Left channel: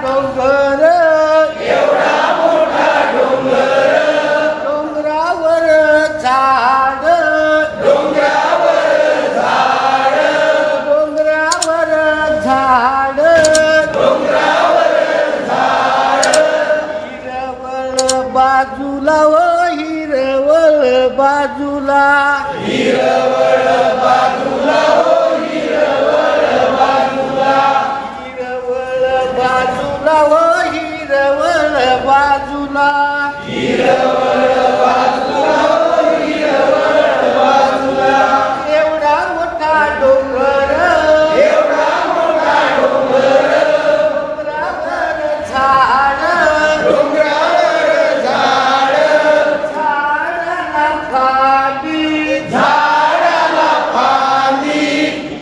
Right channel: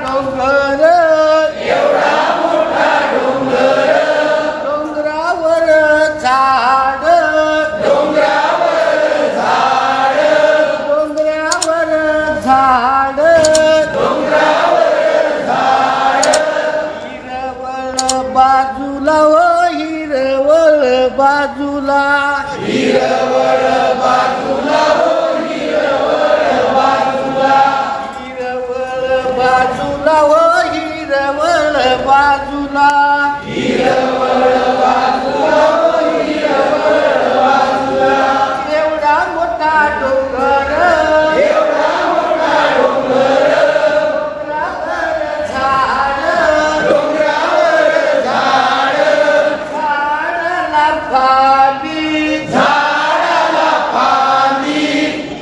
डोंगर डोंगरावर झाड डोंगरावर झाड हिरवळ बाजूला व हिरवळ बाजूला हिरवळ बाजूला व हिरवळ बाजूला एवढा मोठा डोंगर झाडाला फांदी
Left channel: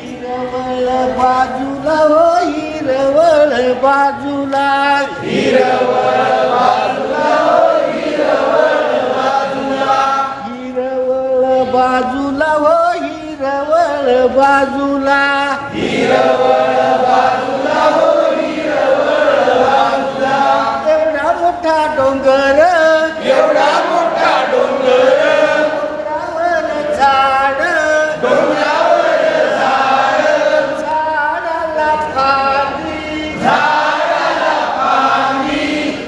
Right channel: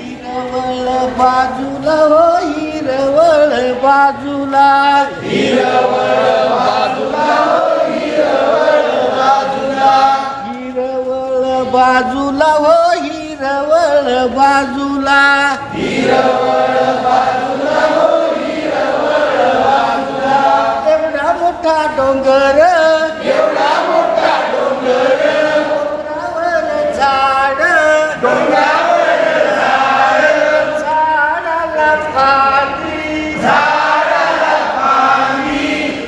हिरवळ बाजूला व हिरवळ बाजूला हिरवळ बाजूला व हिरवळ बाजूला एवढा मोठा डोंगर डोंगरावर झाड झाडाला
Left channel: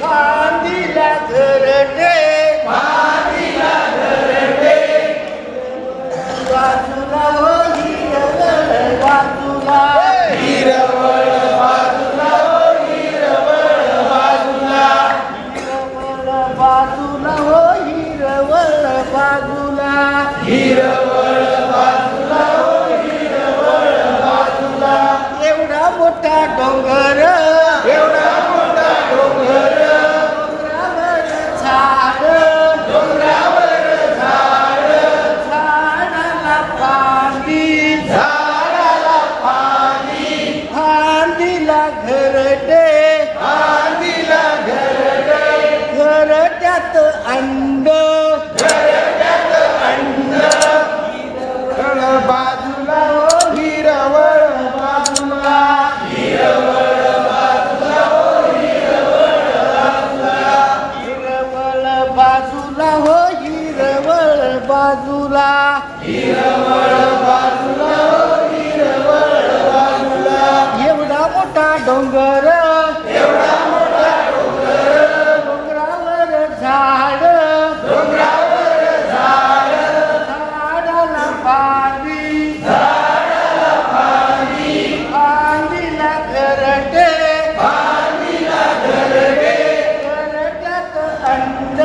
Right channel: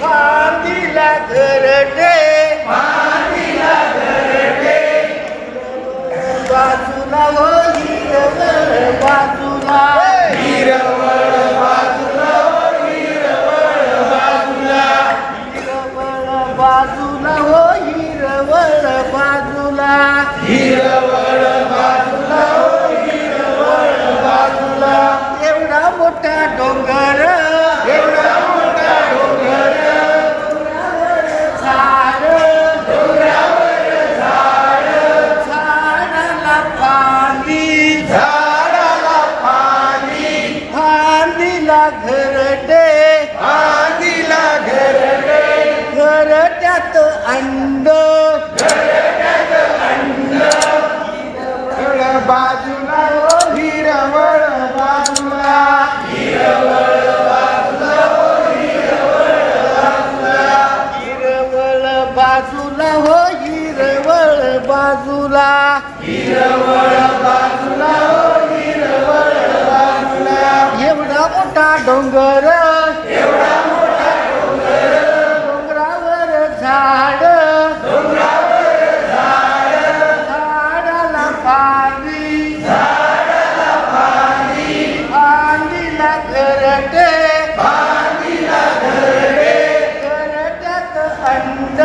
फांदीला घरटे बाजूला व हिरवळ बाजूला हिरवळ बाजूला व हिरवळ बाजूला एवढा मोठा डोंगर झाड झाडाला फांदीला घरटे घरट्यात अंड हिरवळ बाजूला व हिरवळ बाजूला हिरवळ बाजूला व हिरवळ बाजूला एवढा मोठा डोंगर डोंगरावर झाड झाडाला फांदीला घरटे घरट्यात अंड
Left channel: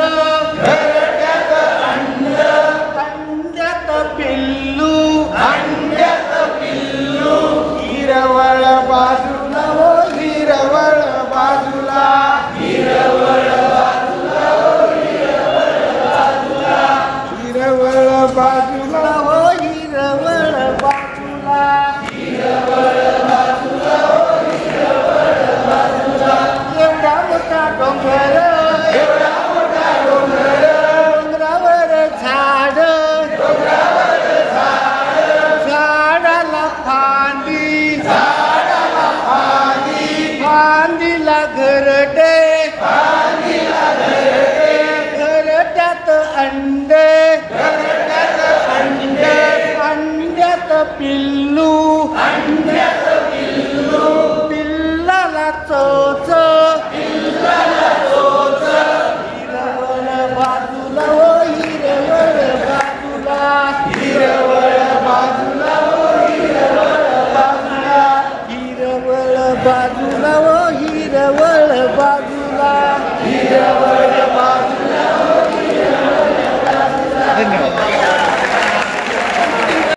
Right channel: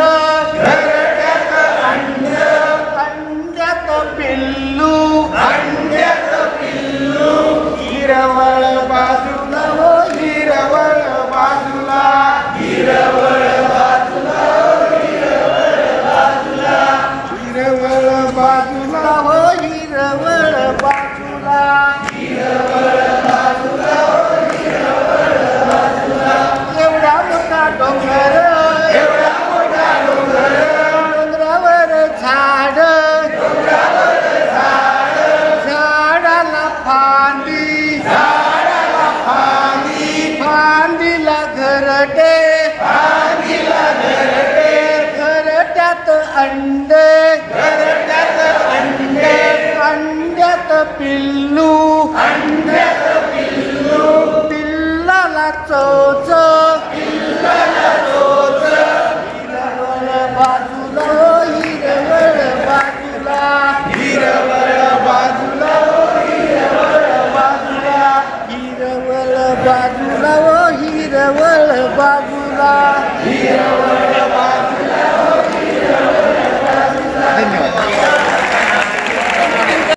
अंड्यात पिल्लू हिरवळ बाजूला व हिरवळ बाजूला हिरवळ बाजूला व हिरवळ बाजूला एवढा मोठा डोंगर डोंगरावर झाड झाडाला फांदीला घरटे घरट्यात अंडे अंड्यात पिल्लू पिल्लाला चोच हिरवळ बाजूला व हिरवळ बाजूला हिरवळ बाजूला व हिरवळ बाजूला धन्यवाद.